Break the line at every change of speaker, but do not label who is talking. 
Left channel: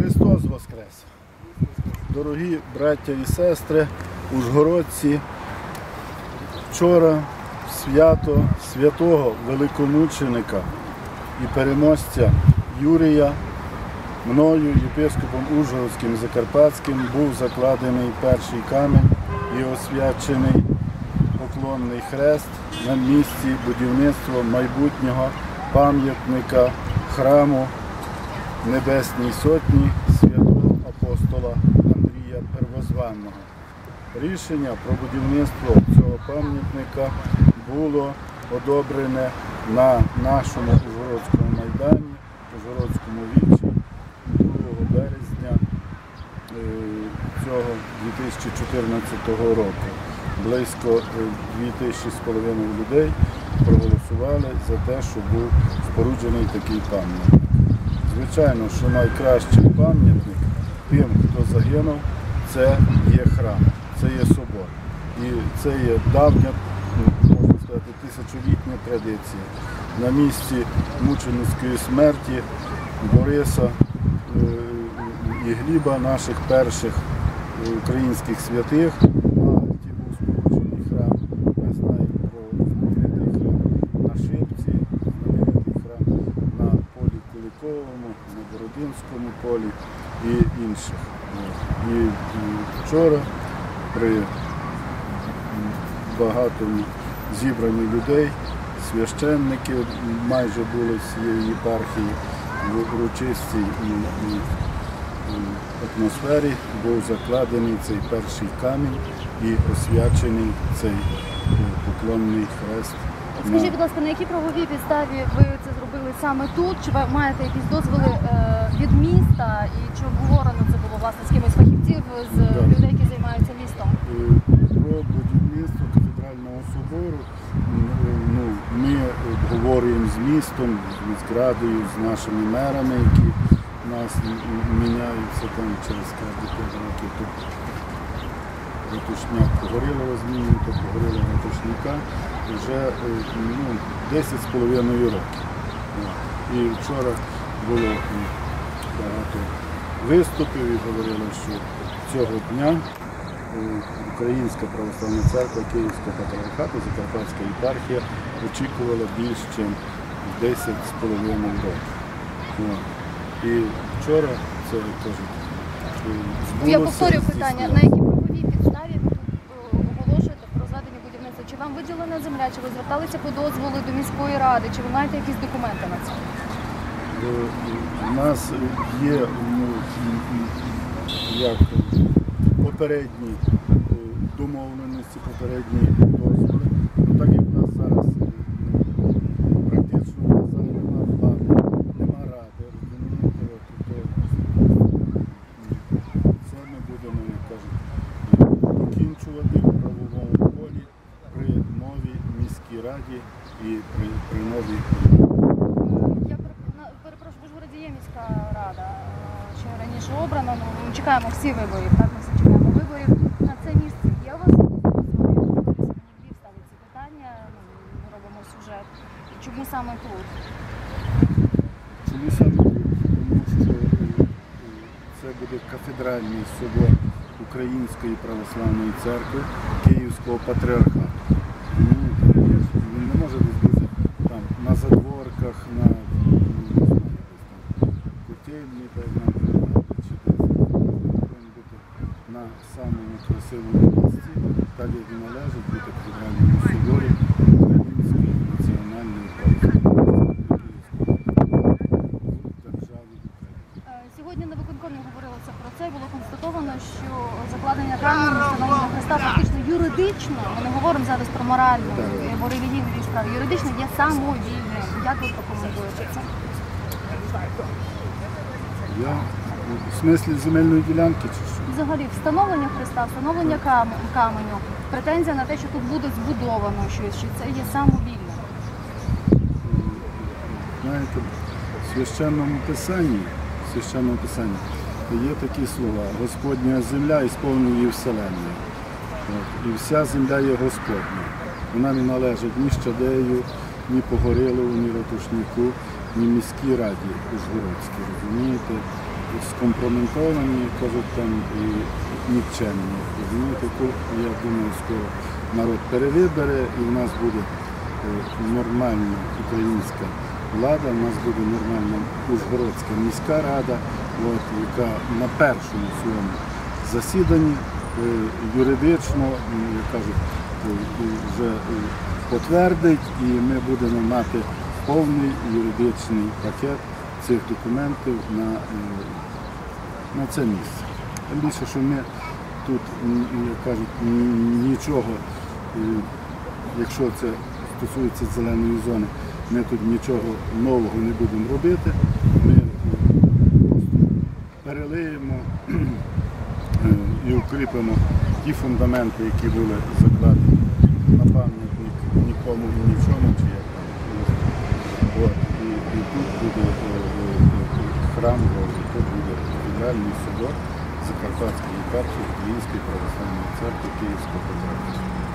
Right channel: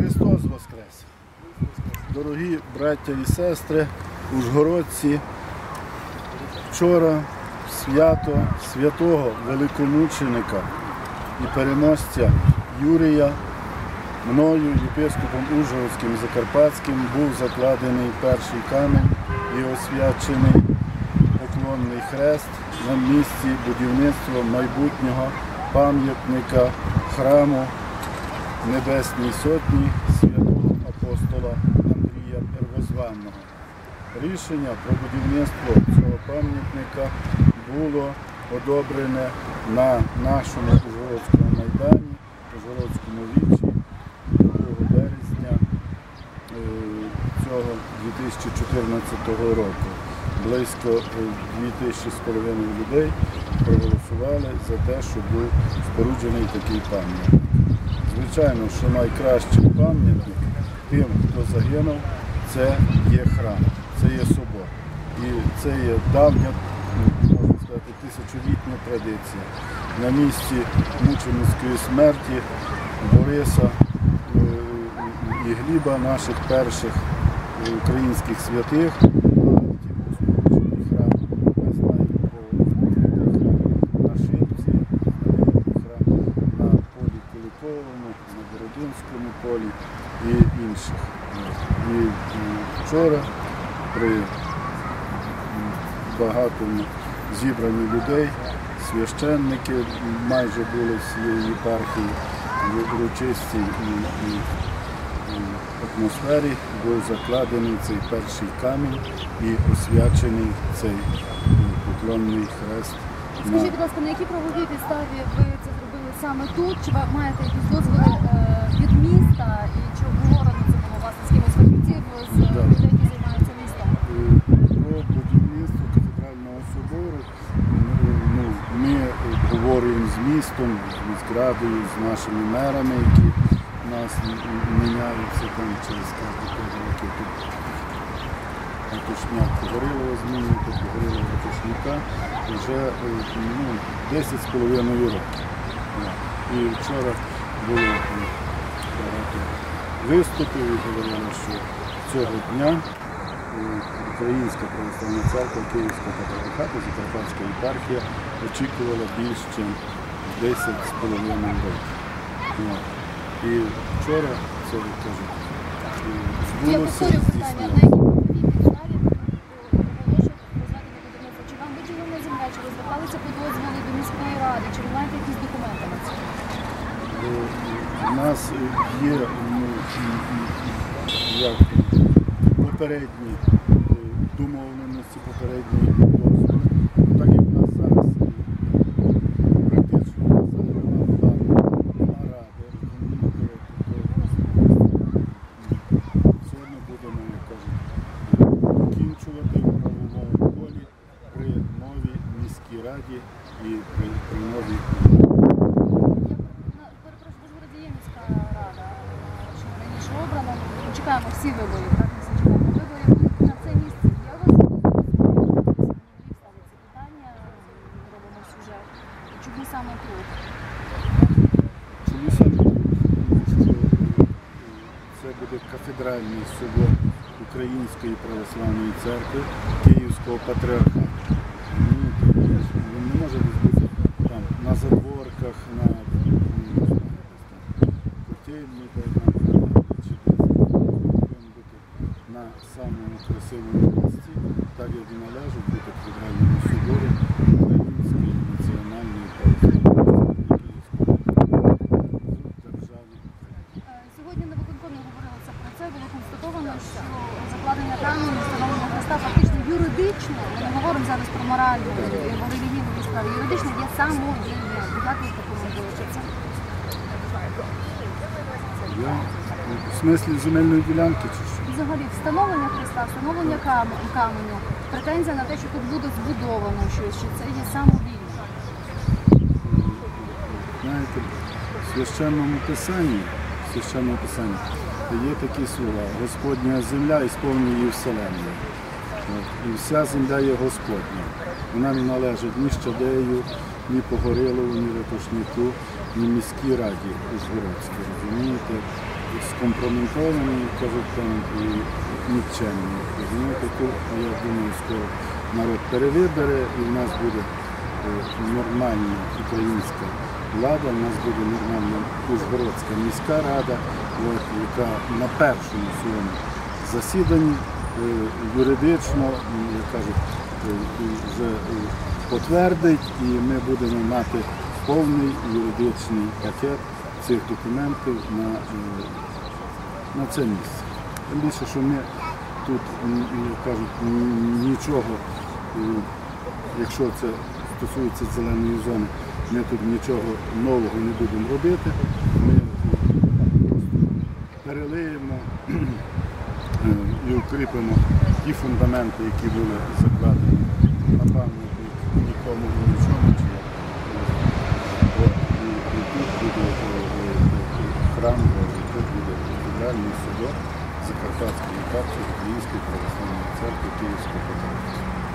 Христос Воскрес! Дорогі браття і сестри, ужгородці, вчора свято святого великомученика і переможця Юрія мною, єпископом Ужгородським Закарпатським, був закладений перший камінь і освячений поклонний хрест на місці будівництва майбутнього пам'ятника храму Небесній Сотні святого апостола Андрія Первозванного. Рішення про будівництво цього пам'ятника було одобрене на нашому Ужгородському майдані, Ужгородському вічі 2 березня е, цього 2014 року. Близько е, 2000 людей проголосували за те, щоб був споруджений такий пам'ятник. Звичайно, що найкращий пам'ятник тим, хто загинув, це є храм, це є собор. І це є давня, можна сказати, тисячолітня традиція. На місці мученицької смерті Бориса е, і Гліба, наших перших е, українських святих, на Альті був споруджений храм. Ми знаємо про знаменитий храм на Шипці, храм на полі Куликовому, на Бородинському полі і інших. І вчора при багатому зібранні людей, священники майже були з цієї єпархії в урочистій атмосфері був закладений цей перший камінь і освячений цей е, поклонний хрест.
Скажіть, будь ласка, на якій правовій підставі ви це зробили саме тут? Чи ви маєте якісь дозволи е, від міста? І чи обговорено це було власне з кимось фахівців з
Да.
людей, які займаються містом?
Е, Про будівництво кафедрального собору м, е, ну, ми обговорюємо з містом, з міськрадою, з нашими мерами, які в нас м- м- міняються там через кожні 5 років. Тут Ратушняк Погорілова змінює, то Погорілова Ратушняка вже е, ну, 10 з половиною років. І вчора було багато виступів і говорили, що цього дня е, Українська православна церква Київського патріархату, Закарпатська єпархія очікувала більш ніж 10 з половиною років. І вчора це кажуть, е, збулося,
Я повторю питання, на якій правовій підставі ви тут е, оголошуєте про розведення будівництва? Чи вам виділена земля, чи ви зверталися по дозволу до міської ради, чи ви маєте якісь документи на це?
У нас є ну, як попередні е, домовленості, попередні дозволи. Ну, так як в нас зараз е, ну, практично в нас зараз нема влади, нема ради, розумієте, то це ми будемо, як кажуть, е, докінчувати в правовому полі при новій міській раді і при, при новій владі.
Я перепрошую, ви ж вроді є міська рада, що раніше обрана. Ну, чекаємо всі виборів, так? Ми всі чекаємо виборів. На це місце є у вас в Львів ставить ці питання, ну, ми робимо сюжет. Чому саме тут?
Чому саме тут? Тому що е, е, це буде кафедральний собор Української православної церкви Київського патріархату. Він не може десь бути там на задворках, на ну, не знаю, десь там котельні, так нам чи десь. Бути на самому красивому місці, так як і належить бути кафедральному соборі Української національної православної церкви Київського патріархату в державі Україна.
Е, Сьогодні на виконкомі говорилося про це. Було констатовано, що закладення каменю, встановлення хреста фактично юридично, ми не говоримо зараз про моральну або релігійну справи, юридично є самовільним. Як ви прокоментуєте це?
Я в смислі земельної ділянки чи що?
Взагалі, встановлення хреста, встановлення кам- каменю, претензія на те, що тут буде збудовано щось, що це є самовільне.
Знаєте, в священному писанні, в священному писанні є такі слова Господня земля і сповнює її вселенною. І вся земля є Господня. Вона не належить ні Щадею, ні Погорилову, ні Ратушнику, ні міській раді Ужгородській, розумієте? скомпрометовані, кажуть там, і нікчемні. Розумієте, я думаю, скоро народ перевибере і в нас буде е, нормальна українська влада, в нас буде нормальна Ужгородська міська рада, от, яка на першому своєму засіданні е, юридично, як кажуть, е, вже е, потвердить і ми будемо мати повний юридичний пакет цих документів на, на це місце. Тим більше, що ми тут, як кажуть, нічого, якщо це стосується зеленої зони, ми тут нічого нового не будемо робити. Ми е, просто перелиємо е, і укріпимо ті фундаменти, які були закладені на пам'ятник нікому і нічому, чи як. От, і, і тут буде е, храм тут буде кафедральний собор Закарпатської єпархії Української православної церкви Київського Патріархату.